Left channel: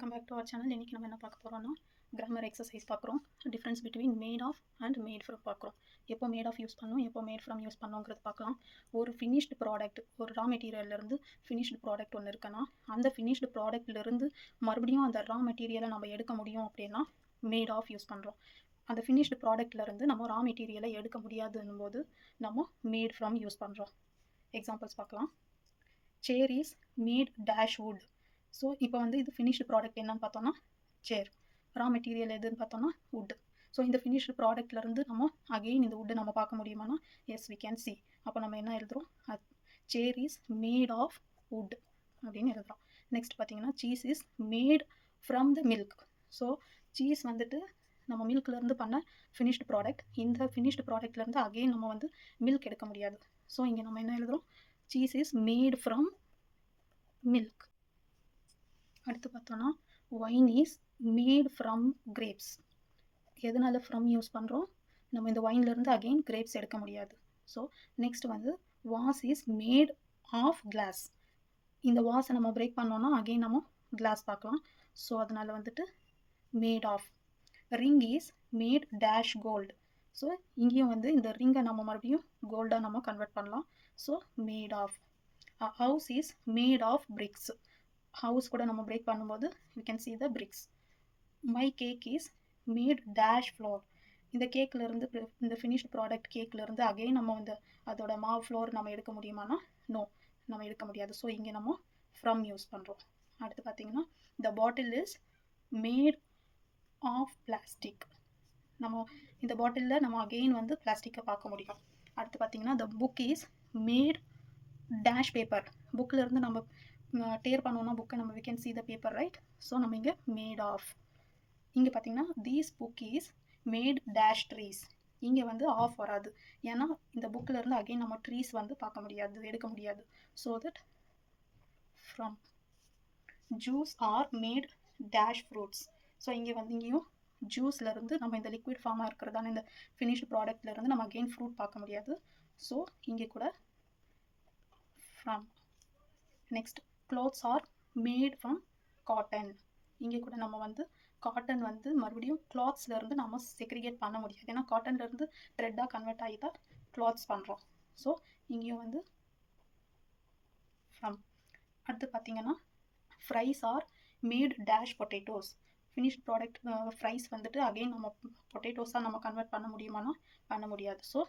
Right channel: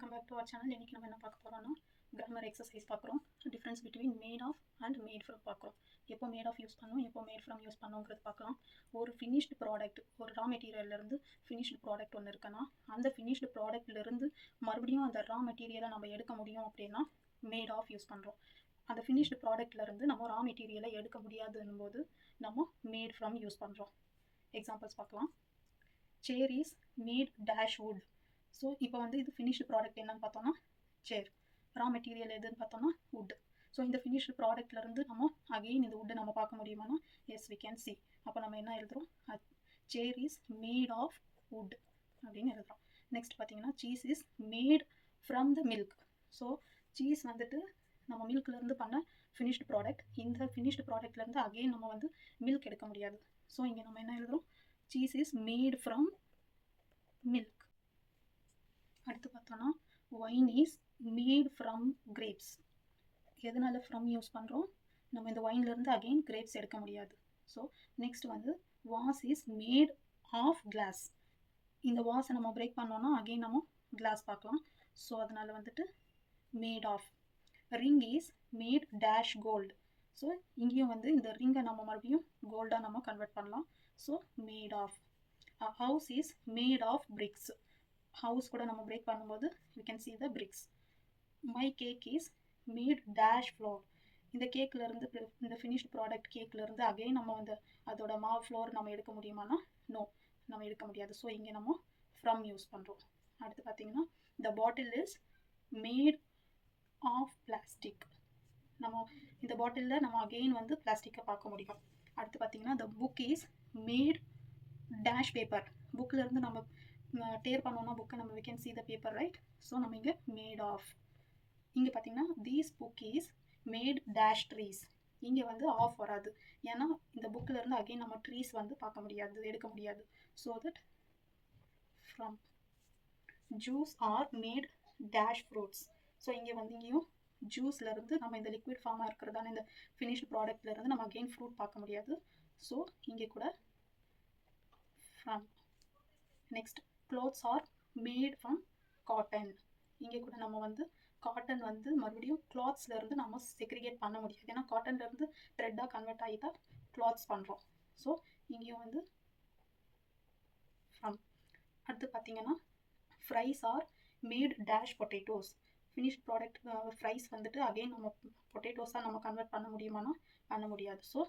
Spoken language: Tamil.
Welcome back to our channel. இன்றைக்கி நம்ம என்ன பார்க்க போகிறோம்னா கிராமர் எக்ஸசைஸ் பார்க்குறோம். Difference between made of and made from பார்க்குறோம். எப்போ மேட் ஆஃப் யூஸ் பண்ணோம், எப்போ மேட் ஃப்ரம் யூஸ் பண்ணோங்கிறது பார்க்கலாம். ஒரு ஃபினிஷ்டு ப்ராடக்ட், ஒரு ரா மெட்டீரியல்லேருந்து ஃபினிஷ்டு ப்ராடக்ட் ஒன்று இருக்குன்னா அந்த ஃபினிஷ்டு ப்ராடக்ட்லேருந்து மறுபடியும் அந்த ரா மெட்டீரியலை நம்ம எடுக்க முடியும் அப்படின்னா மேட் ஆஃப் யூஸ் பண்ணுறோம். அந்த ஃபினிஷ்டு ப்ராடக்ட்லேருந்து நம்ம ரா மெட்டீரியலை எடுக்க முடியாதுன்னும் போது நம்ம மேட் ஃப்ரம் யூஸ் பண்ணுறோம். எக்ஸாம்பிள்ஸ் பார்க்கலாம். Chair is made dash wood. So இப்போ வந்து இது ஃபினிஷ்டு ப்ராடக்ட் என்னன்னு பார்த்தோம்னா சேர். ரா மெட்டீரியல் எதுன்னு பார்த்தோம்னா வுட். ஸோ இந்த ஃபினிஷ்டு ப்ராடக்ட்லேருந்து நம்ம அகெயின் இந்த வுட்டை நம்ம பார்க்க முடியுமானா எஸ் வி கேன் சி. அப்போ நம்ம என்ன எழுதுகிறோம், chair is made of wood அப்படின்னு எழுதுகிறோம். நெக்ஸ்ட் பார்த்தீங்கன்னா cheese is made from the milk. So cheese வந்துட்டு நம்ம மில்க்லேருந்து பண்ண ஃபினிஷ்டு ப்ராடக்ட். இந்த ஃபினிஷ்டு ப்ராடக்ட்லேருந்து அகெயின் நம்ம வந்து மில்க் எடுக்க முடியாது. ஸோ இங்கே நம்ம என்ன எழுதுகிறோம், cheese is made from milk. அடுத்து பார்த்தோன்னா wine is made from grapes. எதனால ஃப்ரம் யூஸ் பண்ணுறோம், நம்ம இந்த ஒயின்லேருந்து அகெயின் கிரேப்ஸ் எடுக்க முடியாது. ஸோ நெக்ஸ்ட் வந்து vase is made of glass. இந்த வாஸை நம்ம பிரேக் பண்ணோன்னா அகெயின் நம்ம கிளாஸ் பார்க்கலாம். ஸோ அதனால் வந்துட்டு made of. Ring is made dash gold. So இங்கேயும் வந்து இந்த ரிங்கை நம்ம மறுபடியும் கோல்டாக நம்ம கன்வெர்ட் பண்ணலாம். So made of. House is made of bricks. House கூட நம்ம பிரேக் பண்ணும்போது you can see the bricks. My cake is made dash flour. இந்த கேக்லேருந்து, இந்த ஃபினிஷ்ட் ப்ராடக்ட் கேக்லேருந்து அகெயின் நம்ம வந்து அதோட மாவு ஃப்ளோர் நம்ம எடுக்க முடியுமானா நோ, நம்ம எடுக்க முடியாது. ஸோ இங்கே நம்ம ஃப்ரம் யூஸ் பண்ணுறோம். அடுத்து பார்த்தீங்கன்னா த பாட்டில் இஸ் மேட் ஆஃப் பிளாஸ்டிக். நம்ம இந்த பாட்டிலில் நம்ம அகெயின் வந்து பிளாஸ்டிக்கை பார்க்க முடியும். அடுத்து பார்த்தீங்கன்னா the book is made dash paper. புக்கிலேருந்து நம்ம டேர் பண்ணோன்னா புக்கை நம்ம we can see the paper, right? So நம்ம இங்கே மேட் ஆஃப். இங்கே பார்த்தீங்கன்னா these book is made dash trees. இங்கே வந்து ஆஃப் வராது, ஏன்னா இந்த புக்கிலேருந்து அகெயின் நம்ம ட்ரீஸ் வந்து பார்க்க முடியாது, எடுக்க முடியாது. So that from. Juice R made dash fruits. So இங்கே வந்து இங்கேயும் ஜூஸ்லேருந்து நம்ம இந்த லிக்விட் ஃபார்மாக இருக்கிறதான இந்த ஃபினிஷ்டு ப்ராடக்ட்லேருந்து நம்ம அகெயின் ஃப்ரூட் பார்க்க முடியாது. ஸோ இங்கே கூட from. Next clothes are made from cotton. இங்கே கூட நம்ம வந்து காட்டன் வந்து மறுபடியும் கிளாத்ஸ்லேருந்து நம்ம செக்ரிகேட் பண்ண முடியாது, ஏன்னா காட்டன்லேருந்து த்ரெட்டாக கன்வெர்ட் ஆகி தான் கிளாத்ஸ் பண்ணுறோம். ஸோ இங்கேயும் வந்து ஃப்ரம். அடுத்து பார்த்தீங்கன்னா fries are made dash potatoes. Finished product fries வந்துட்டு அகெயின் நம்ம பொட்டேட்டோஸாக நம்ம கன்வெர்ட் பண்ண முடியுமானா பண்ண முடியாது. ஸோ